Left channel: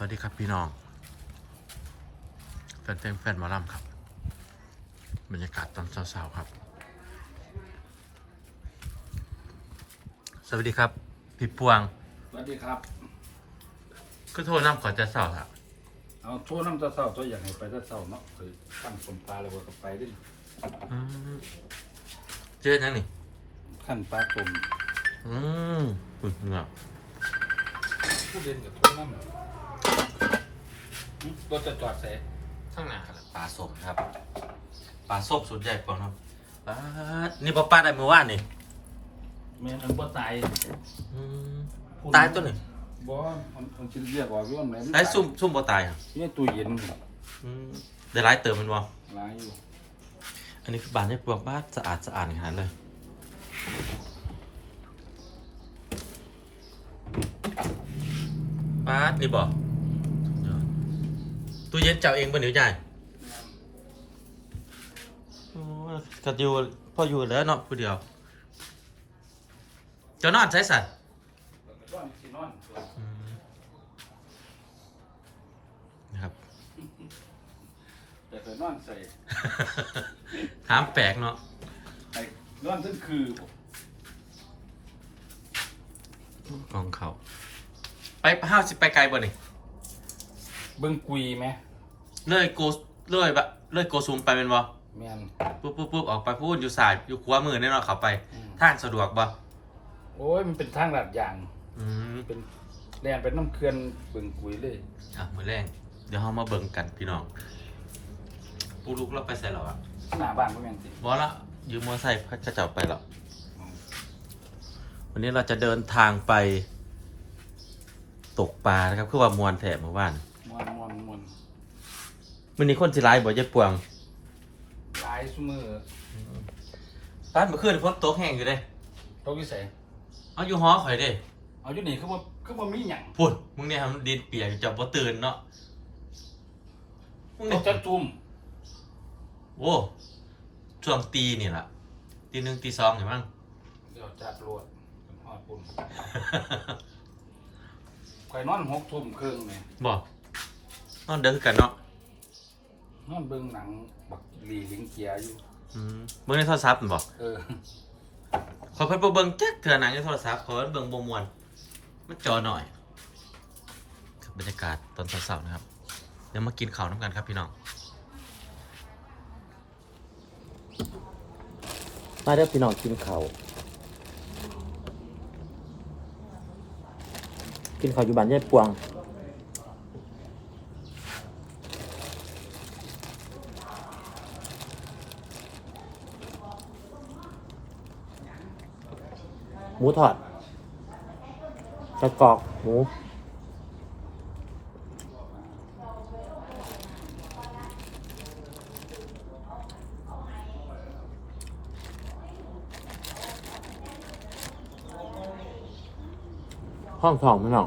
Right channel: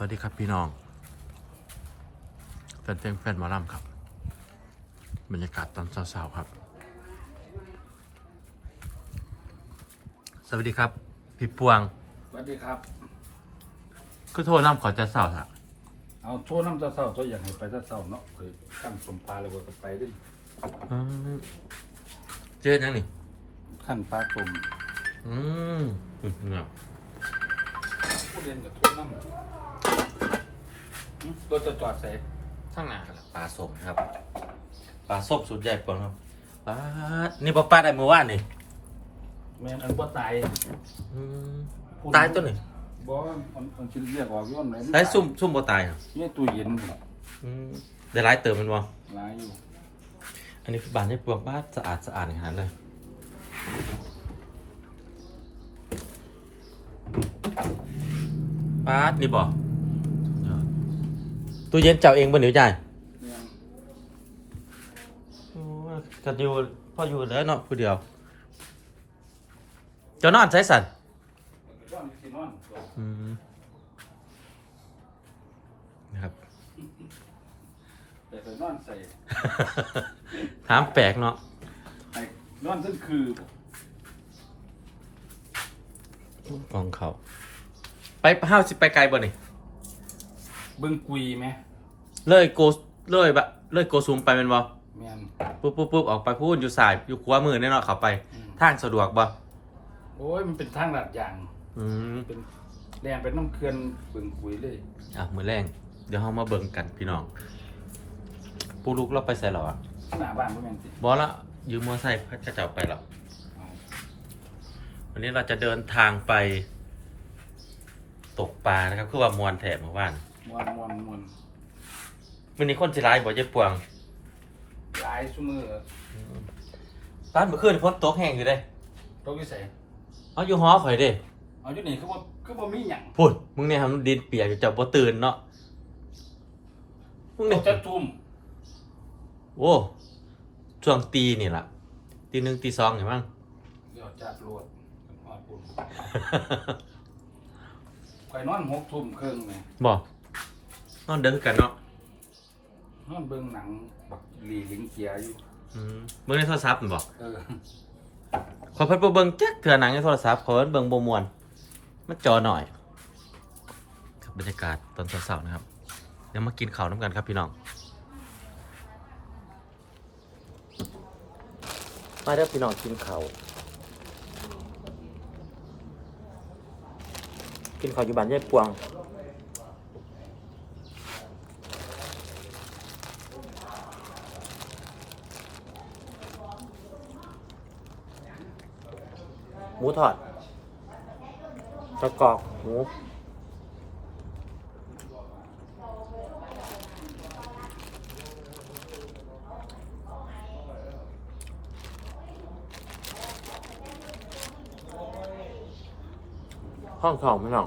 วัสดีครับพี่น้องแฟนเพลงแฟนหมอลำครับ บรรยากาศตอนเช้าๆครับ สวัสดีครับ พี่ปวงสวัสดีครับ ก็โทรน้ำขอจะเช้าค่ะเอาโทษน้ำตาเศร้าตัวอย่างให้ไปตาเศร้าเนาะเคยขั้นสมปลาแล้วก็ไปด้วยอืมเจอยังนี่ขั้นปลาตุ่มอืมอืมเนาะผู้เรียนกับโทษน้ำรถจะจอดใส่ข้างหน้าครับปลาสมครับ ปลาส้มสุดใหญ่ปวงครับปลาดนี่ปลาปลาได้เมื่อวานนี่แม่นอันบ่ตายอืมตายตัวนี่บ่อันอันสิเรียกว่าย้อนไหนใช้ซุ่มซุ่มบ่ตายอะนี่ตู้เย็นอืมได้ร้ายเติมมันวะหลายอยู่อันนี้คือบานให้ปลวกบ้านสะอาดสะอาดอย่างนั้นเลยป้าดนี่บอก ตู้เย็นเจ้าเองบนหรือใหญ่แม่นก็อยู่พ่ออยู่แล้วเนาะผู้เดียว เจ้านอนใช้สันย้อนสินอนตัวอืมนะครับ แต่เคยนอนใส่ถามแปลกเนาะให้นอนทั้งคือบ่กองเขา ไปห้าวสิไปไกลบ่นี่ เบิ่งกุยไหมเลยโกเลยบะเลยโกซูมไปเป็นบ่แม่นปุ๊บปุ๊บปุ๊บออกไปพูดอยู่สายอยู่ขวามือแน่นอนเขาไปอืมทางสะดวกบ่โอ้ยมันเป็นทางลาดยางอืมเป็นแรงเป็นน้ำเคื่อนเบิ่งกุยเลยอะมือแรงเดี๋ยวเรามาเบิ่งกันพี่น้องปูลูกเราไปใส่หรอวะหน้าบ้านพวกนั้นสิบอละยืมมอไซค์พักจะจับไปหรอวันนี้เราจะเดินทางไป ตกปลานะครับเพื่อว่ามวนแถมเมื่อวาน มวนมวนมวนวันนี้คนสิร้ายบ่เยอะปวงหลายซุมือป้านเมื่อคืนพ้นตกแห้งอยู่เด้ตกอยู่ไสเอาอยู่หอข่อยเด้เอาอยู่นี่คือว่าคือว่ามีหยังพูดมึงเนี่ยทำดินเปียกอยู่จับบ่ตื่นเนาะมึงตเนี่ยกจะจุ่มโอ้ช่วงตีนี่ล่ะตีหนึ่งตีสองเห็นมั้ง เดี๋ยวจับรวดฮอดปุ่นข่อยนอนหกทุ่มครึ่งแหมบอก นอนเดินคือกันเนาะนอนเบิ่งหนังบักหลีลิงเกียอยู่ อืมเบิ่งในโทรศัพท์นั่นบอกเออขอเพิ่นบ่เบิ่งจักเถื่อหนังในโทรศัพท์ขอเพิ่นเบิ่งบ่ม่วนมันจอหน่อยครับบรรยากาศตอนเช้าๆนะครับ เดี๋ยวมากินข้าวน้ำกันครับพี่น้อง มาเด้อพี่น้องกินข้าวกินข้าวอยู่บ้านยายปวง หมูทอดกระกอกหมูห้องทองไม่น้อง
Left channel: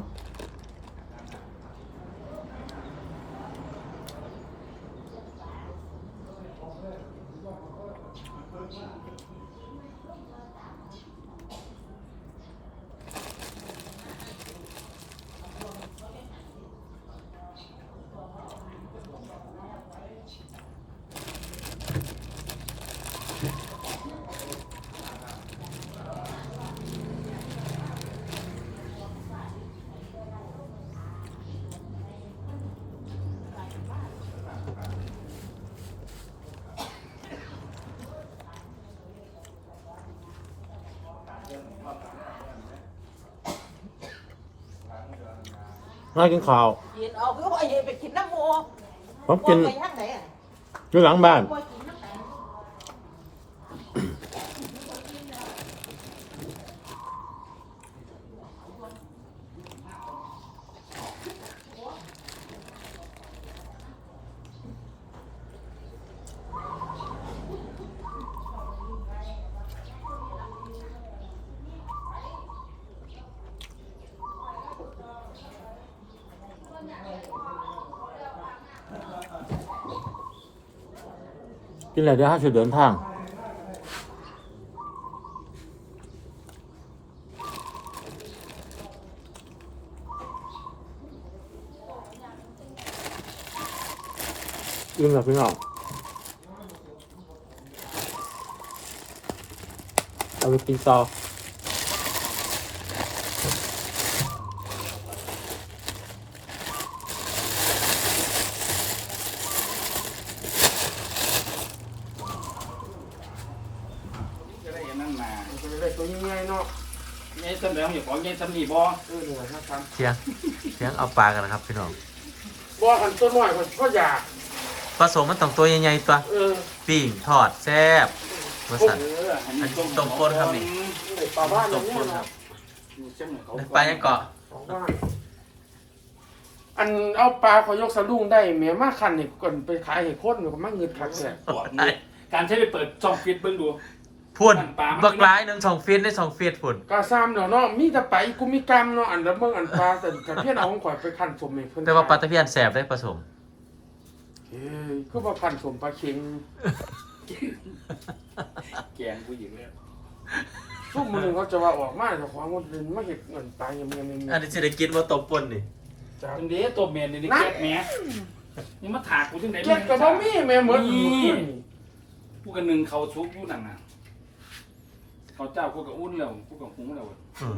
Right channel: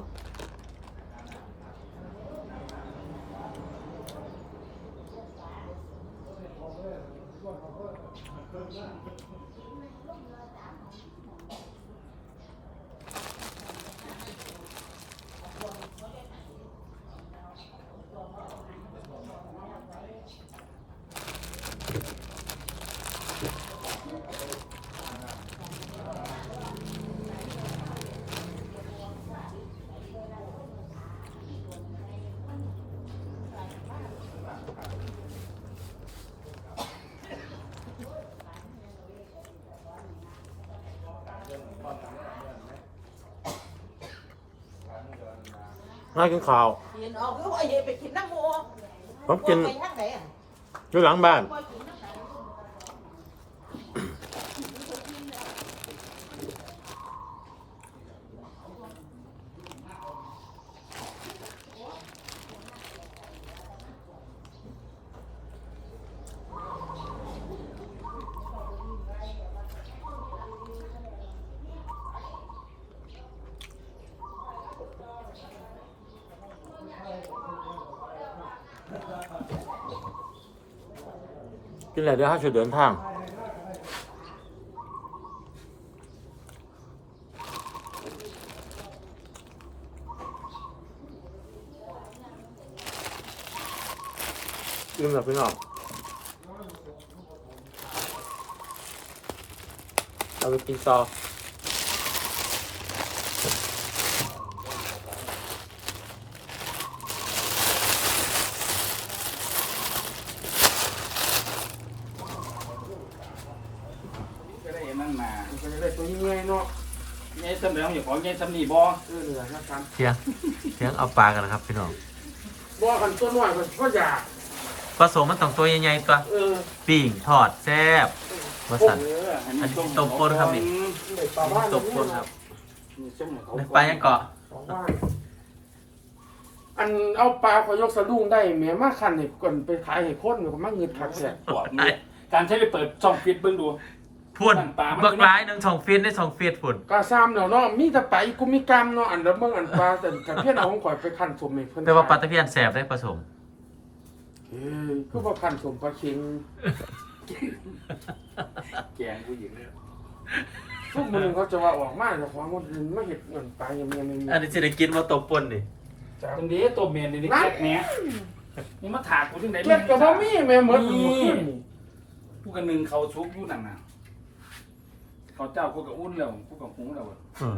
น่ากินข้าว กินออกก็ว่าอย่าไปกินน้ำโมผมกินไปทางไหนอะอยู่หลังบ้าน บ่ กินแล้วเดี๋ยวเขาจะเดินทาง อิ่มแล้วพี่น้องเอาไปกินต่อ ตัวยังไงเนาะไงจำเดี๋ยวอย่าของไงจำนี่บ่เออเหลือนะครับเทียงเทียงเอาปลากันนะครับพี่น้องบ่กันตัวน้อยก็ก็อยากผสมมันต้องตัวใหญ่ๆตัวเออปิ้งทอดแซ่บวาสันเอออันนี้อันนี้ต้มข้นครับนี่ได้ปลาบ้านตบคนครับนี่เส้นเนี่ยเขาได้ปลายังเกาะสองบ้านอันเอาปลาขอยกสะดุ้งได้แม่มาคันนี่ก่อนไปขายให้คนก็มาเงินคักแท้ปวดนี่การใช้ไปเปิดช่องฟิตเบิ่งดู พุ่นปลามันบักร้ายหนึ่งสองฟีตได้สองฟีตพุ่นกาซ้ำเนาะเนาะมีแต่ไปกูมีกรรมเนาะอันละเบิ่งอันปลาแต่กันเพี้ยนเอาของข่อยไปคันสมให้เพิ่นแต่ว่าปลาตะเพียนแสบได้ผสมเอ้ยคือว่าคันสมปลาเค็งแกงผู้หญิงเนี่ยทุกมื้อนึงเขาจะว่าออกมาเจ้าของคนอื่นมาเฮ็ดเงินปลายังยังยังอันนี้จะได้กินว่าตบปนนี่จ้าตรงนี้ตัวเมียนี่นี่แก๊กแหม่นี่มาถากกูจังได๋เก็ดก็บ่มีแม่หมดมื้อคืนนี่กูกันหนึงเขาชุกอยู่นั่นน่ะเขาเจ้ากูก็อุ่นแล้วกูก็หุงแล้วเออ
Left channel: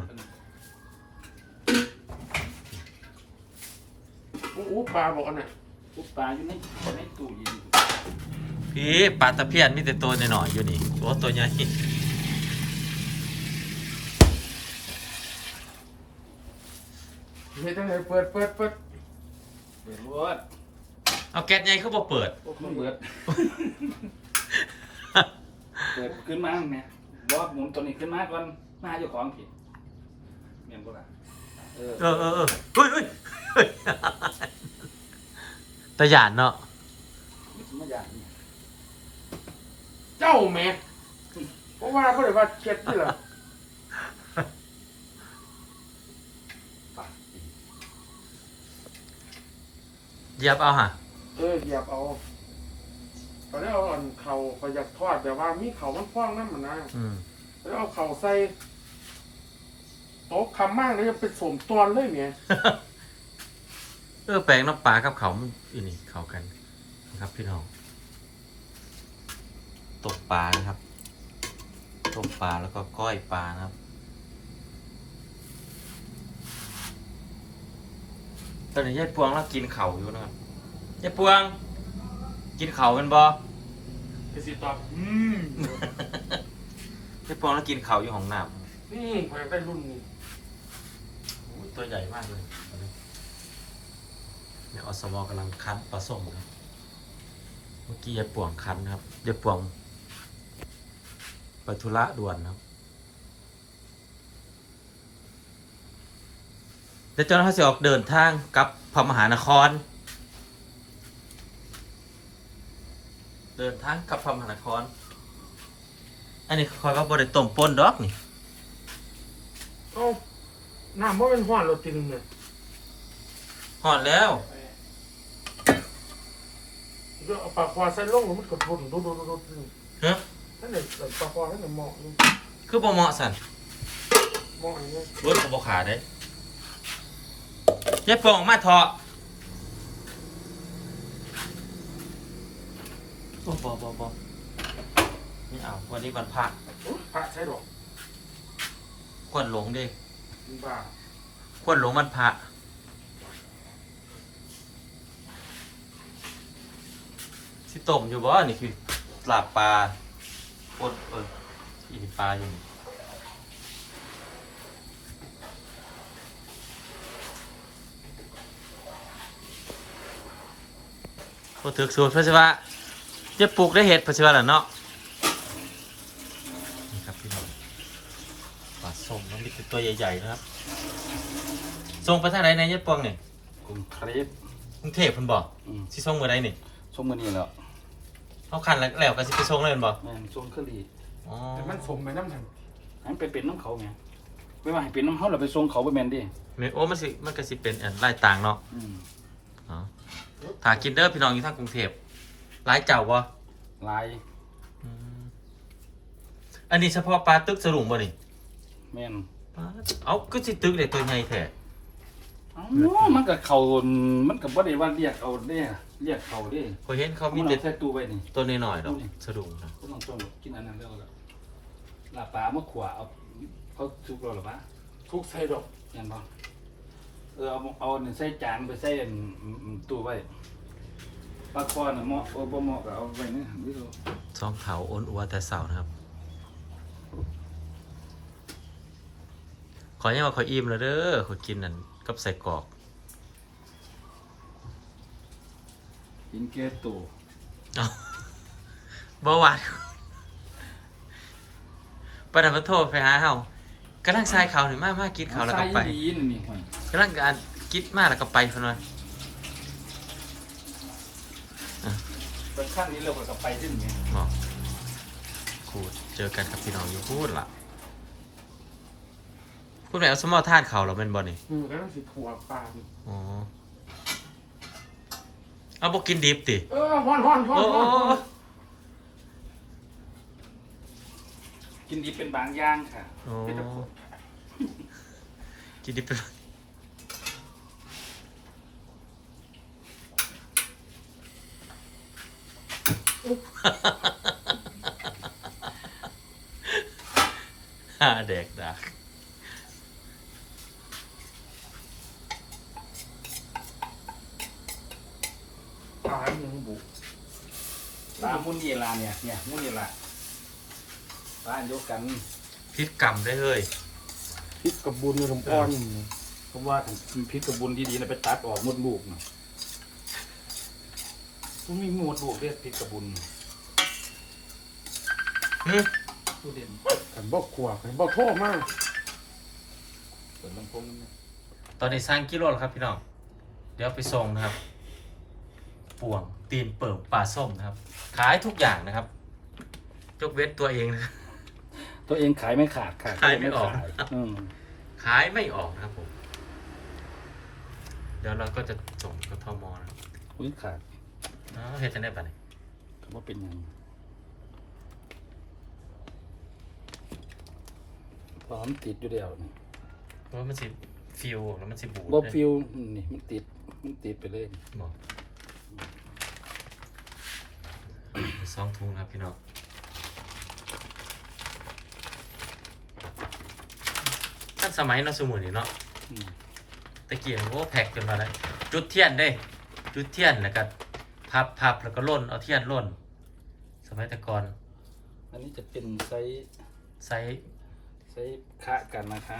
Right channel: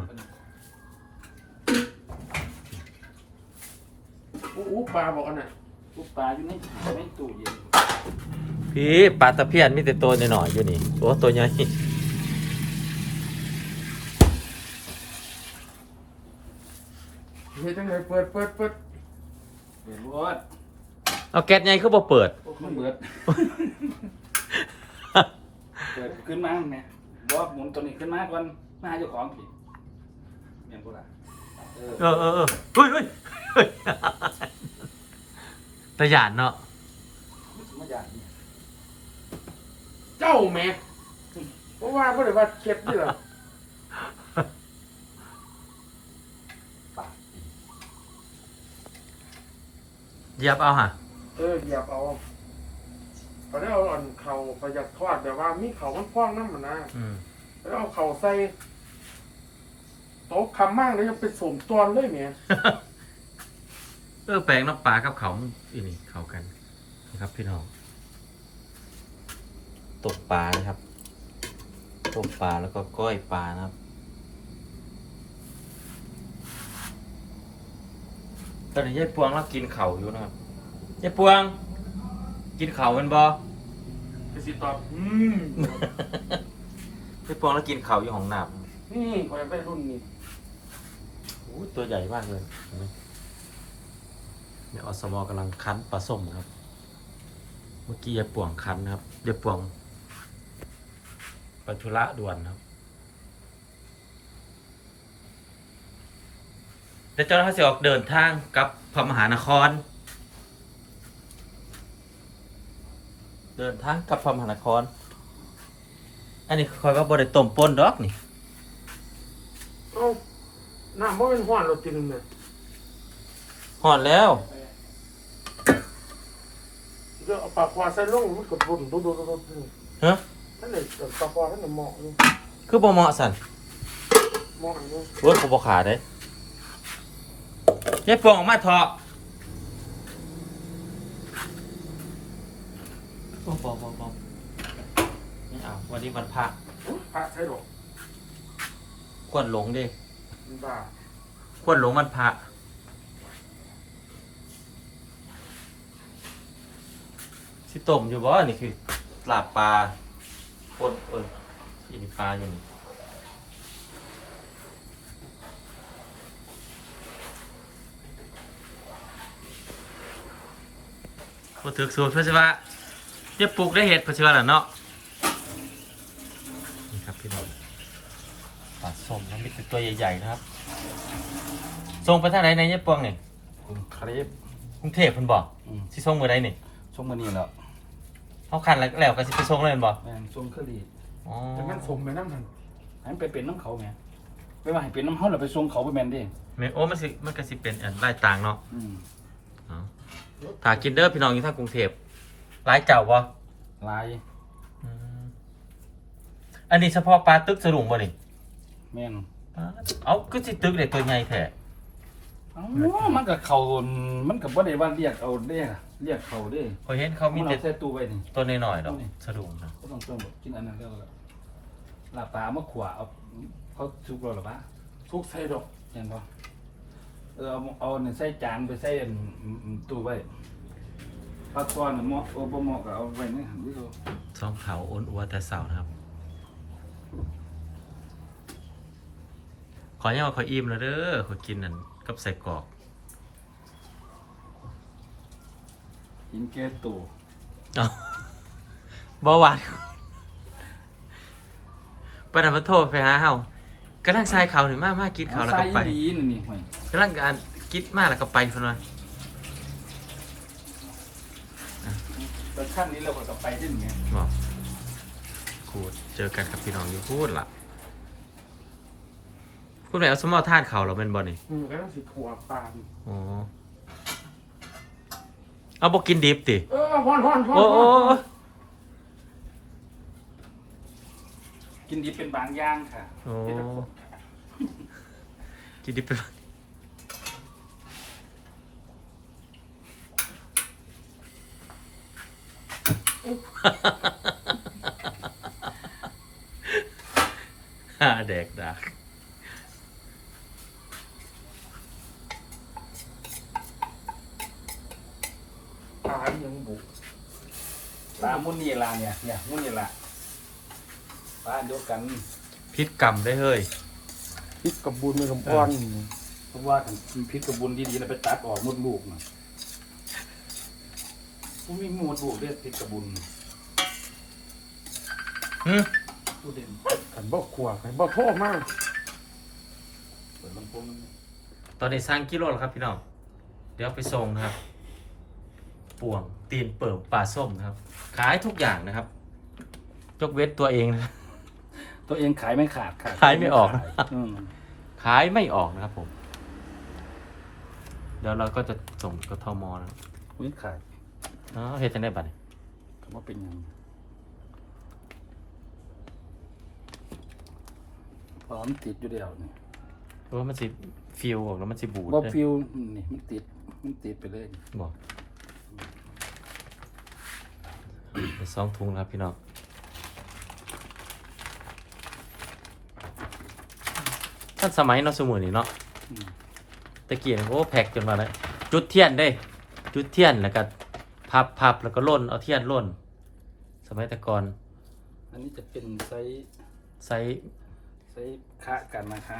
อู้อู้ปลาบอกอันน่ะทุกปลาอยู่นี่ในตู้เย็นพี่ปลาตะเพียนมีแต่ตัวหน่อยๆอยู่นี่โอ้ตัวใหญ่เฮ็ดจังไดเปิดเปิดเปิดเปิดรถเอาแก๊สใหญ่คือบ่เปิดโอ้มันเบิดเปิดขึ้นมาแม่ บ่หมุนตัวนี้ขึ้นมาก่อนมาหาเจ้าของผิดแม่นบ่ล่ะเออเออเออเออเฮ้ยเฮ้ยเฮ้ยตะหยานเนาะมาอย่างนี้เจ้าแม่เพราะว่าบ่ได้ว่าเข็ดนี่ล่ะเหยียบเอาฮะเออเหยียบเอา ก็ได้เอาอันเข่าประหยัดทอดแบบว่ามีเข่ามันคว้างน้ำมันนะอืมแล้วเอาเข่าใส่โต๊ะคำมากแล้วยังเป็นสมตวนเลยเนี่ยเออแปลงน้ำปลากับเขามันอีนี่เข้ากันนะครับ พี่น้องตกปลานะครับตกปลาแล้วก็ก้อยปลานะครับตอนนี้ยายปวงเรากินเข่าวอยู่นะครับยายปวง กินเข่าวเป็นบอจะสิตอบอืมยายปวงเรากินเข่าวอยู่ของน้นี่ขออยากได้รุ่นนี้ำอู้ตัวใหญ่มากเลยเห็นไหมเนี่ยอสมกำลังคั้นปลาส้มครับ เมื่อกี้ยายปวงคั้นนะครับยายปวงไปธุระด่วนครับเดี๋ยวเจ้าหน้าที่จะออกเดินทางกลับพระมหานคร เดินทางกลับพระมหานคร อันนี้คอยว่าบริต้มป่นดอกนี่เอ้าน้ำมันเป็นห้อนเราจริงเลยหอดแล้ว เดี๋ยวเอาปลาควาใส่ลงมันกดรุ่นดูดูดูดูดูฮะ ท่านเด็กปลาควาท่านเด็กเหมาะอยู่คือบ่เหมาะสันเหมาะอยู่เว้ยกูบ่ขาได้ยายปองออกมาเถอะ โอ้บ่บ่บ่นี่เอาวันนี้วันพระพระใช่หรอกควรหลงดิมันบ้าควรหลงวันพระสิต้มอยู่บ่นี่คือลาบปลาปนเออที่ปลาอยู่นี่พอถึกสูตรเพื่อสิว่า จะปลูกได้เห็ดเพื่อสิว่าล่ะเนาะนี่ครับพี่น้องปลาส้มมันนี่คือตัวใหญ่ๆนะครับส่งไปทางไหนในยะปวงนี่คุณเครปกรุงเทพเพิ่นบอกอืมสิส่งมื้อใดนี่ช่วงมื้อนี้แล้วเอาคันแล้วแล้วก็สิไปส่งเลยแม่นบ่แม่นช่วงเครีอ๋อแต่มันสมในน้ำทันให้มันไปเป็นน้ำเขาแม่ไม่ว่าให้เป็นน้ำเขาแล้วไปส่งเขาไปแม่นดิแม่โอ้มันสิมันก็สิเป็นอันรายต่างเนาะอืม อ๋อถ้ากินเด้อพี่น้องอยู่ทางกรุงเทพ หลายเจ้าบ่ลายอืมอันนี้เฉพาะปลาตึกสลุงบ่นี่แม่นปลาเอาคือสิตึกได้ตัวใหญ่แท้เอ้ามันก็เขามันก็บ่ได้ว่าเรียกเอาเด้เรียกเขาเด้พอเห็นเขามีมันแต่เอาใส่ตู้ไว้นี่ ตัวน้อยๆดอกสะดุ้งนะก็ต้องต้มกินอันนั้นแล้วก็ลาบปลามาขวาเอาเขาซุกเราหรือปะทุกใส่ดอกเห็นบ่เออเอาเอาเนี่ยใส่จานไปใส่อันอันตู้ไว้ ปลาคอเนี่ยเหมาะโอ้บ่เหมาะก็เอาไว้นี่ดิโซซองเขาอ้วนอัวแต่เสานะครับ ขอยังว่าขออิ่มแล้วเด้อขอกินนั่นกับใส่กรอกกินแก้ตู้เอาเบาหวานปนันมาโทษไปหาเฮากำลังทรายเขาหนึ่งมากมากกินเขาวแล้วก็ไปใส่อีหลีนี่ห่วยกำลังการกินมากแล้วก็ไปพนวัน เปิด ขั้นนี้เราก็ไปที่นี่บอกขูดเจอกันกับพี่น้องอยู่พูดล่ะพูดไหนเอาสมอท่านเขาเราเป็นบอลนี่มือก็ต้องสิถั่วปลาอ๋อเอาบอกกินดิบติเออฮ้อนฮ้อนฮ้อนโอ้โอ้ฮ้อนโอ้กินดีเป็นบางอย่างค่ะโอ้กินดิบเป็น ฮ่าแดกดักปลายังบุกปลามุนนี่ละเนี่ย เนี่ยมุนนี่ละปลายกกันพิษกรรมได้เฮ้ยพริกกับบุญในลำอ่อนเพราะว่าถ้าพริกกระบุนดีๆนะไปตัดออกมดลูกนะ ผมมีมดลูกเรียกพริกกระบุนหึผู้เด่นกันบ่ขวกันบ่โทษมากเปิดลำโพงตอนนี้สร้างกิโลแล้วครับพี่น้อง เดี๋ยวไปส่งนะครับ ป่วงตีนเปิ่มปลาส้มนะครับ ขายทุกอย่างนะครับยกเว้นตัวเองนะ ตัวเองขายไม่ขาดค่ะขายไม่ออกขายอืมขายไม่ออกนะครับผม เดี๋ยวเราก็จะส่งกทมนะครับ อุ้ยขาด อ๋อเฮ็ดจังได้บัดนี้คำว่าเป็นหยังพร้อมติดอยู่เดียวนี่เพราะว่ามันสิฟิวออกแล้วมันสิบูดบ่เลยฟิวนี่มันติดมันติดไปเลยบอกสองถุงนะครับพี่น้องท่านสมัยเนาะสมุนนี่เนาะอืม ตะเกียงโอ้แพ็กจนมาได้จุดเทียนได้ จุดเทียนแล้วก็ พับพับแล้วก็ล่นเอาเทียนล่น สมัยแต่ก่อนอันนี้จะเป็นไซส์ไซส์ไซส์คะกันนะคะ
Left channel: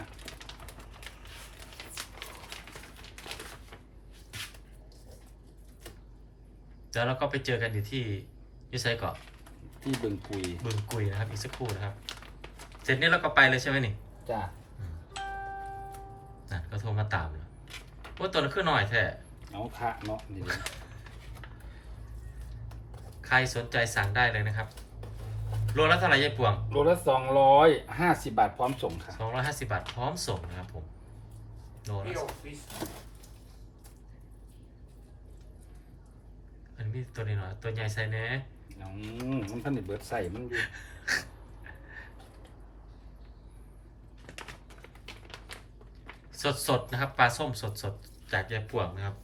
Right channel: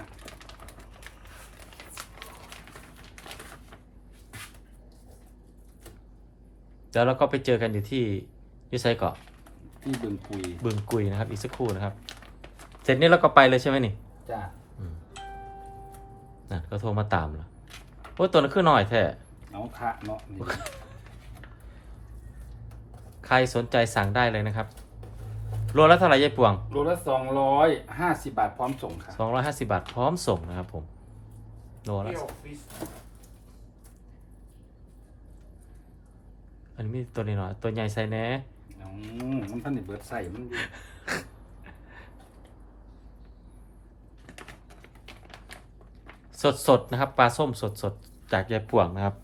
แล้วเราก็ไปเจอกันอยู่ที่ยูไซเกาะที่บึงกุยบึงกุยนะครับอีกสักครู่นะครับเสร็จนี้เราก็ไปเลยใช่ไหมนี่จ้าอืมนั่นก็โทรมาตามแล้วโอ้ยตัวนั้นคือหน่อยแท้เอาคะเนาะนี่ ใครสนใจสั่งได้เลยนะครับโลละเท่าไหร่ยายปวงโลละสองร้อยห้าสิบบาทพร้อมส่งค่ะ250 บาทพร้อมส่งนะครับผมโลเปละรี้ยวฟิชอันนี้มีตัวนี้หน่อยตัวใหญ่ใส่แหน่อืมมันท่านได้เบิดใส่มันอยู่สดๆนะครับปลาส้มสดๆจากยายปวงนะครับ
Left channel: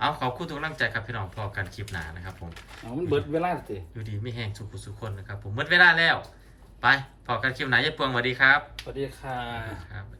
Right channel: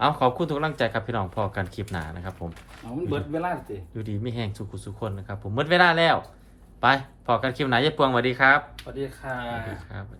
เอาขอบคุณทุกกำลังใจครับพี่น้องพอกันคลิปหนานะครับผม เอามันเบิดเวลาสิอยู่ดีไม่แห้งสุขุสุขคนนะครับผมหมดเวลาแล้ว ไปพอกันคลิปหนายายปวงสวัสดีครับ สวัสดีค่ะสวัสดีครับสวัสดีครับ